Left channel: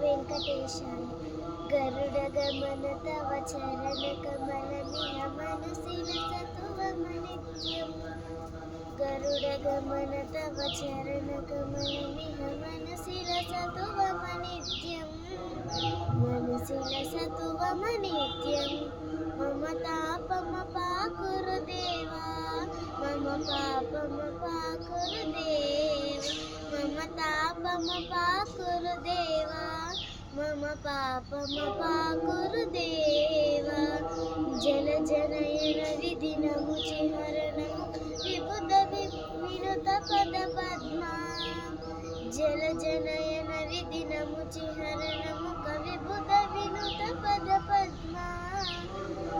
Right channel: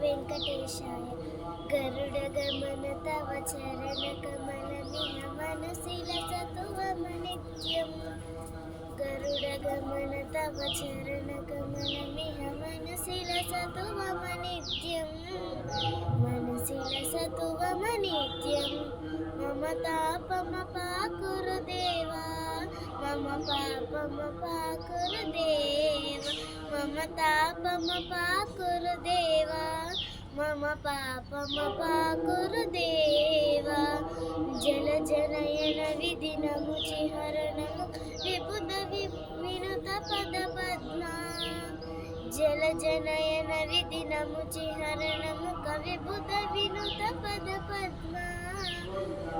వెంకటేశాయ. గరుడగమన తవ చరణకమలమిహ మనసిలసతు మమ నిత్యం. గరుడగమన తవ చరణకమలమిహ మనసిలసతు మమ నిత్యం. మనసిలసతు మమ నిత్యం. మమ తాపమపాకురు దేవా, మమ పాపమపాకురు దేవా, మమ తాపమపాకురు దేవా, మమ పాపమపాకురు దేవా. జల జనయన విధినము చిహరణము విబుధ వినుత పద పద్మా. జల జనయన విధినము చిహరణము కవిబుధ వినుత పద పద్మా.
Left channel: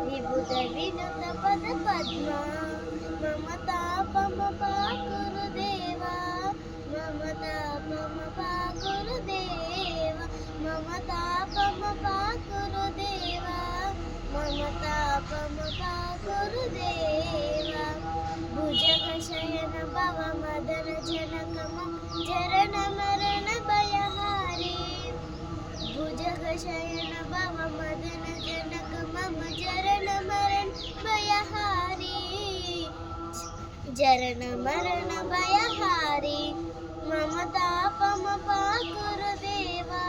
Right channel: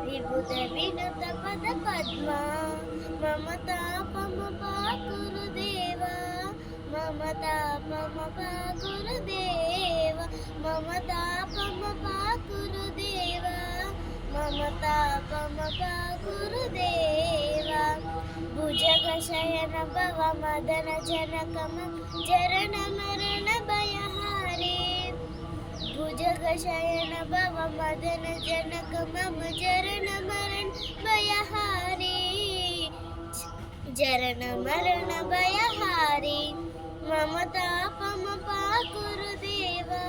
విబుధ వినుత పద పద్మా. మమ తాపమపాకురు దేవా, మమ తాపమపాకురు దేవా, మమ తాపమపాకురు దేవా, మమ తాపమపాకురు దేవా. భుజగ శయన భవ మదన జనకమ జరణ మరణ భయహారి. భుజగ శయన భవ మదన జనక మమ జరణ మరణ భయహారి. జరణ మరణ భయహారి. మమ తాపమపాకురు దేవా,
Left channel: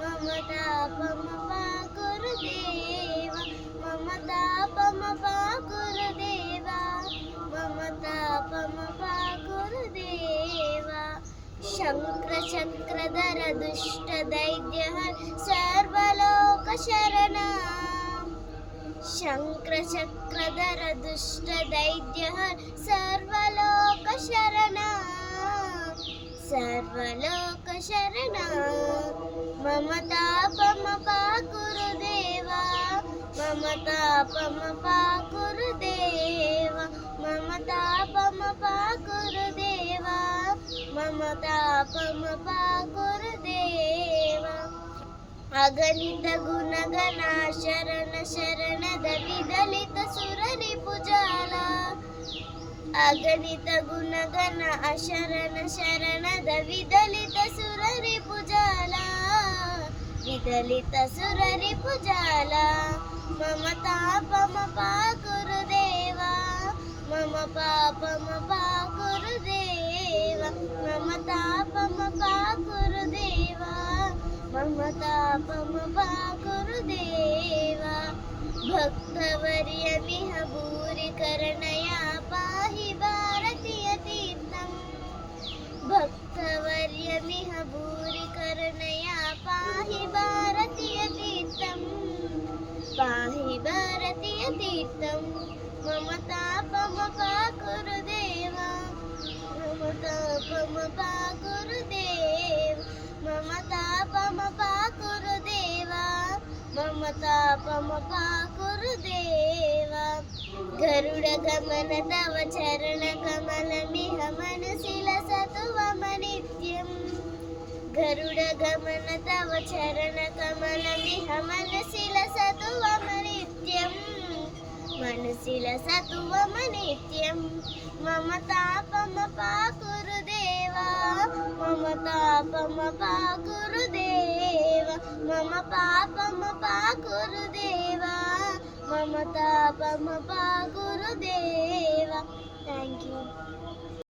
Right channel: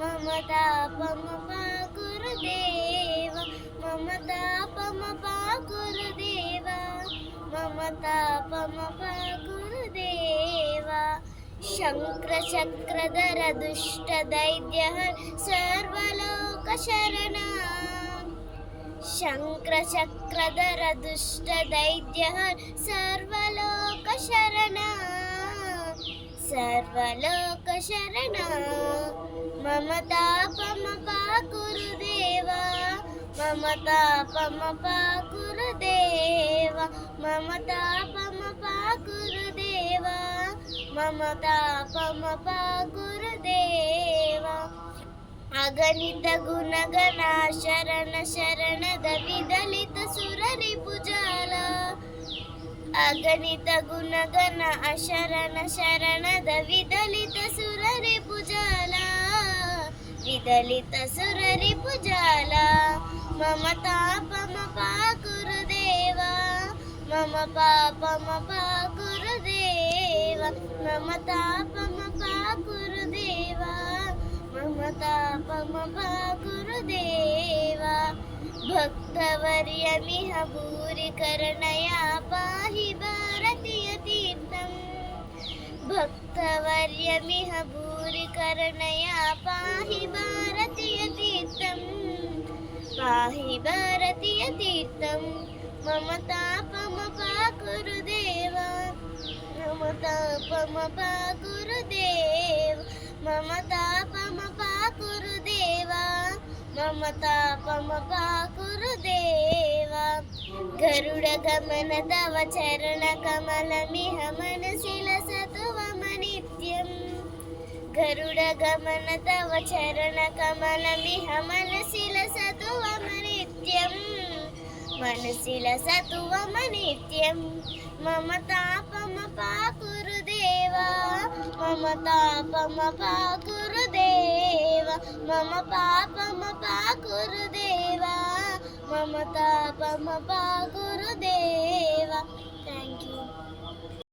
మమ తాపమపాకురు దేవా, మమ తాపమపాకురు దేవా, మమ తాపమపాకురు దేవా. శంక్ర చక్రధర దుష్ట దైత్య సర్వలోక శరణ. శంక్ర చక్రధర దుష్ట దైత్య సర్వలోక శరణ. సర్వలోక శరణ. మమ తాపమపాకురు దేవా, మమ తాపమపాకురు దేవా, మమ తాపమపాకురు దేవా, మమ తాపమపాకురు దేవా. అగణిత గుణగణ శరణ శరణద విదలిత సురరిపుజాల. అగణిత గుణగణ అశరణ శరణద విదలిత సురరిపుజాల. విదలిత సురరిపుజాల. మమ తాపమపాకురు దేవా, మమ పాపమపాకురు దేవా, మమ తాపమపాకురు దేవా, మమ తాపమపాకురు దేవా. భక్తవర్యమిహ భూరి కరుణయా పాహి భారతీయ తీర్థం. భక్తవర్యమిహ భూరి కరుణయా పాహి భారతీయ తీర్థం. పాహి భారతీయ తీర్థం. మమ తాపమపాకురు దేవా, మమ తాపమపాకురు దేవా, మమ తాపమపాకురు దేవా, మమ తాపమపాకురు దేవా. గరుడ గమన తవ చరణ కమలమిహ మనసిలసతు మమ నిత్యం. గరుడ గమన తవ చరణ కమలమిహ మనసిలసతు మమ నిత్యం. మనసిలసతు మమ నిత్యం. మమ తాపమపాకురు దేవా, మమ తాపమపాకురు దేవా, మమ పాపమపాకురు దేవా, మమ తాపమపాకురు దేవా. Thank you.